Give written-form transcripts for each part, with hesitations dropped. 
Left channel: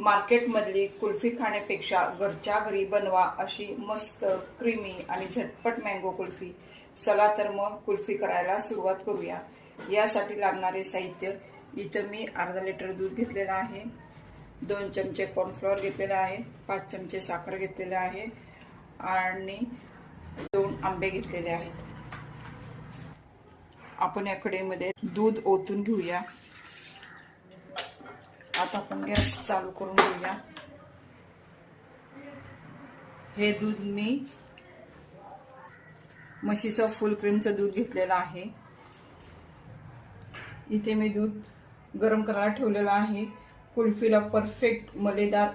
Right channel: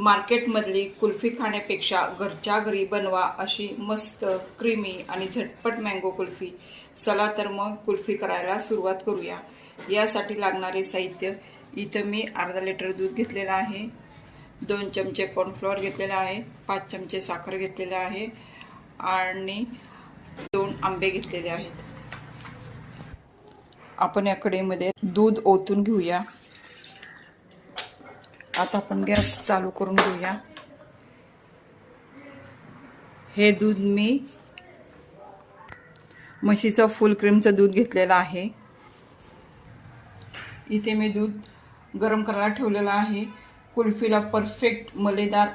मार्केटमधली कुल्फी खाण्यापेक्षा घरच्या घरी बनवा अशी मस्त क्रीमी आणि झटपट मँगो कुल्फी। चला तर मग कुल्फी करायला सुरुवात करूया। यासाठी लागणारे साहित्य इथं मी अर्धा लिटर दूध घेतलेलं आहे, 2 चमचे कॉर्नफ्लोअर घेतलेला आहे, 5 चमचे साखर घेतलेले आहे आणि 2 आंबे घेतलेले आहेत। आपण या कढईमध्ये दूध ओतून घेऊया। आता आपण गॅस चालू करून घेऊया। हे दूध मी म्हशीचं फुल क्रीमचं दूध घेतलेलं आहे। इथे मी दूध गरम करायला ठेवलेलं आहे। कुल्फीला परफेक्ट मलेदार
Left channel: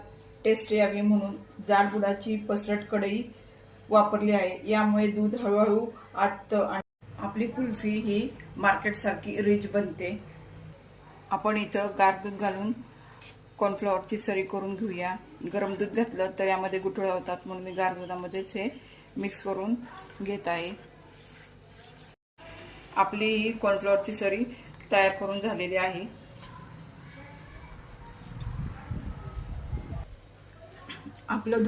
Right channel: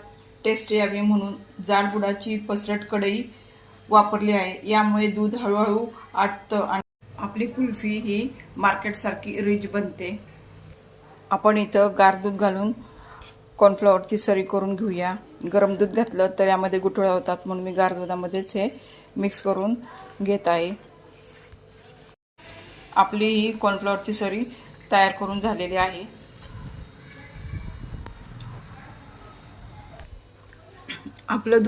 टेस्ट यावी म्हणून जाड बुडाची पसरट कढई वापरली आहे। यामुळे दूध हळूहळू आटतं आणि आपली कुल्फी ही मार्केट सारखी रिच बनते। आपण इथं गार दूध घालून कॉर्नफ्लॉवरची सरी करून घेऊया। गरम दूध घातलं तर यामध्ये गुठळ्या होतात, म्हणून मी गार दुधामध्येच हे मिक्स करून घेत आहे। आपली ही कॉर्नफ्लॉवरची सरी तयार करून झालेली आहे। आपलं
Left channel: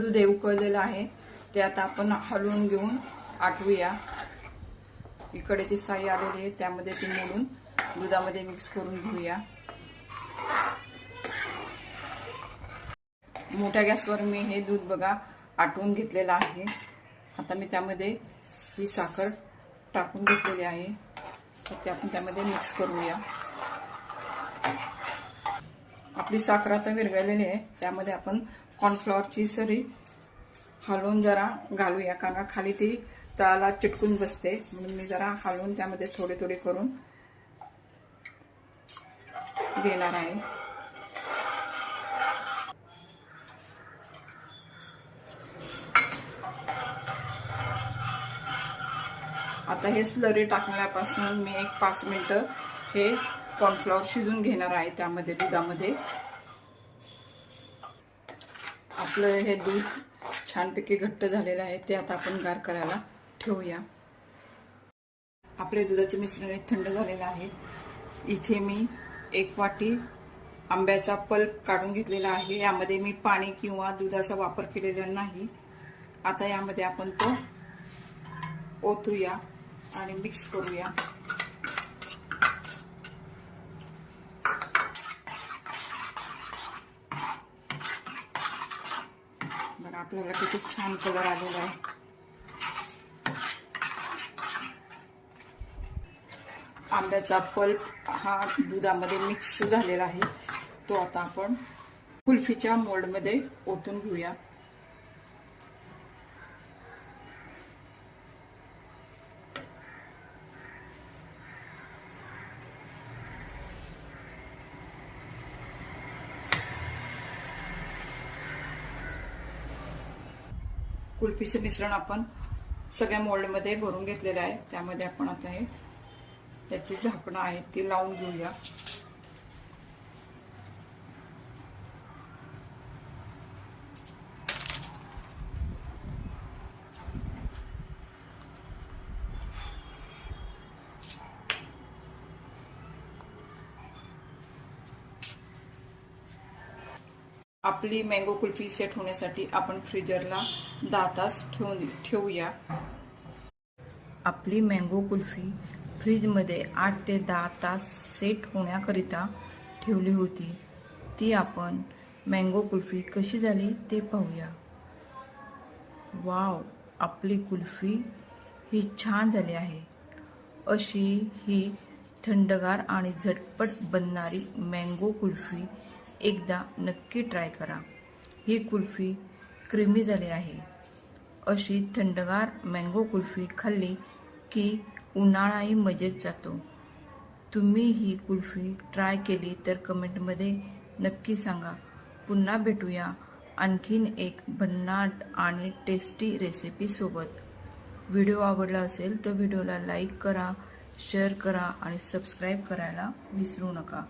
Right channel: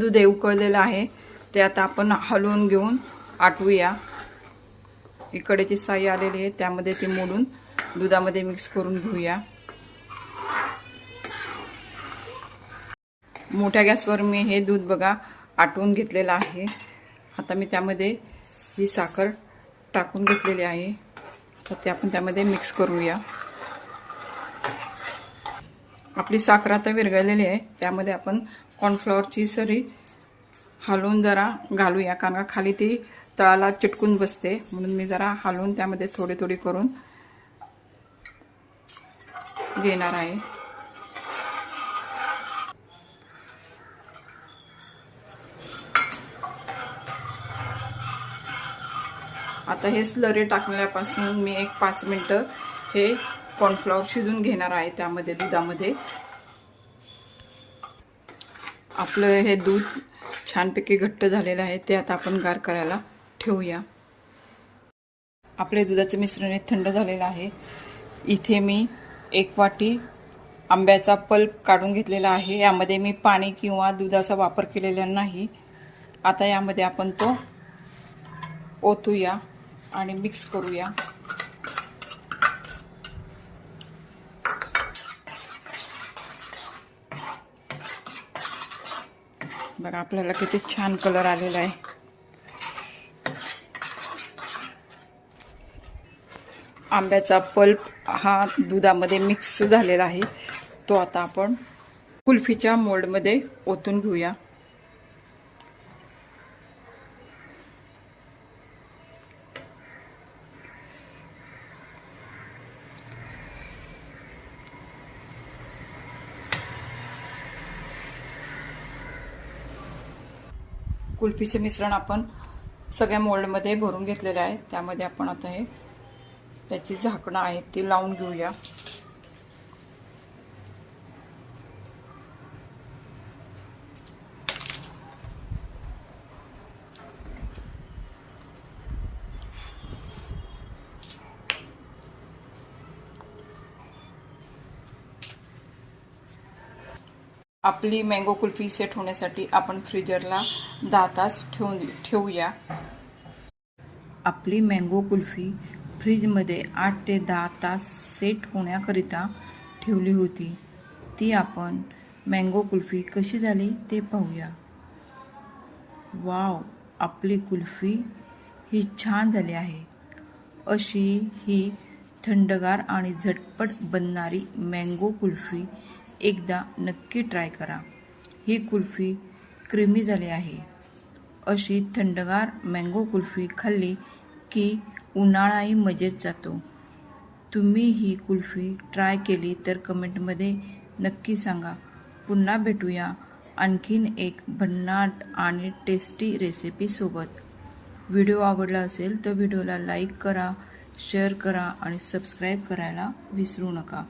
दूध हे उकळलेलं आहे, ते आता आपण हलवून घेऊन आटवूया। इकडेची साई आलेली आहे, त्यामध्ये ती मोडून दुधामध्ये मिक्स करून घेऊया। मोठ्या गॅसवर मी हे दूध बघा आटवून घेतलेलं आहे। आता मी त्यामध्ये ही साखर टाकून घेतलेली आहे, तर ते आपण त्यामध्ये मिक्स करूया। आपली साखर आता विरघळलेली आहे, त्यामध्ये आपण कॉर्नफ्लॉवरची सरी हलवून जरा घालूया, कारण खाली ती तळाला चिटकून बसते, म्हणून मी जरा हलवून त्यामध्ये थोडे थोडे करून घेणार आहे। आता हे स्लरी टाकण्यापासून मी एक 5 मिनिटं हे कॉर्नफ्लॉवर शिजून घेणार आहे त्यामध्ये दुधामध्ये। आपलं हे दूध छानपैकी घट्ट झालेलं आहे, ते आता आपण गार करायला ठेवूया। आपले दुधाचे मिश्रण थंड झालेलं आहे। इथे मी 1 वाटी आंब्याचा पल्प काढून घेतलेला आहे। यामध्ये मी पाणी किंवा दुधाचा वापर केलेला नाही। आता यामध्ये आपण तो ओतूया आणि मिक्स करूया। बघा आपल्याला किती छान कलर आलेला आहे। आंब्याचा पल्प हा दुधामध्ये मिक्स झालेला आहे, तो आता आपण कुल्फीच्या मोल्डमध्ये ओतून घेऊया। कुल्फीचे मिश्रण आपण सगळ्या मोल्डमध्ये भरून घेतलेले आहे। त्यामध्ये आपण आता हे त्याची झाकणं आहेत ती लावून घेऊया। आपली मँगो कुल्फी सेट होण्यासाठी आपण फ्रीजरला 10 तास ठेवूया। आपली मँगो कुल्फी फ्रीजमध्ये 8 ते 10 तास सेट होण्याकरिता ठेवली होती। ती आपण मँगो कुल्फी कशी झाली ते पाहूया। वाव, आपली कुल्फी ही छान झाली आहे। अशी ही थंडगार आणि झटपट बनणारी मँगो कुल्फी एकदा नक्की ट्राय करा। ही कुल्फी क्रीमी झाली आहे। अशी थंडगार मँगो कुल्फी खाल्ली की उन्हाळाही मजेत जातो। तुम्ही ही कुल्फी ट्राय केली तर कमेंटमध्ये नक्की सांगा। पुन्हा भेटूया आणखीन एक भन्नाट आणि टेस्टी रेसिपी सोबत। व्हिडिओ आवडला असेल तर व्हिडिओला लाईक करा, शेअर करा आणि सबस्क्राईब करायला विसरू नका।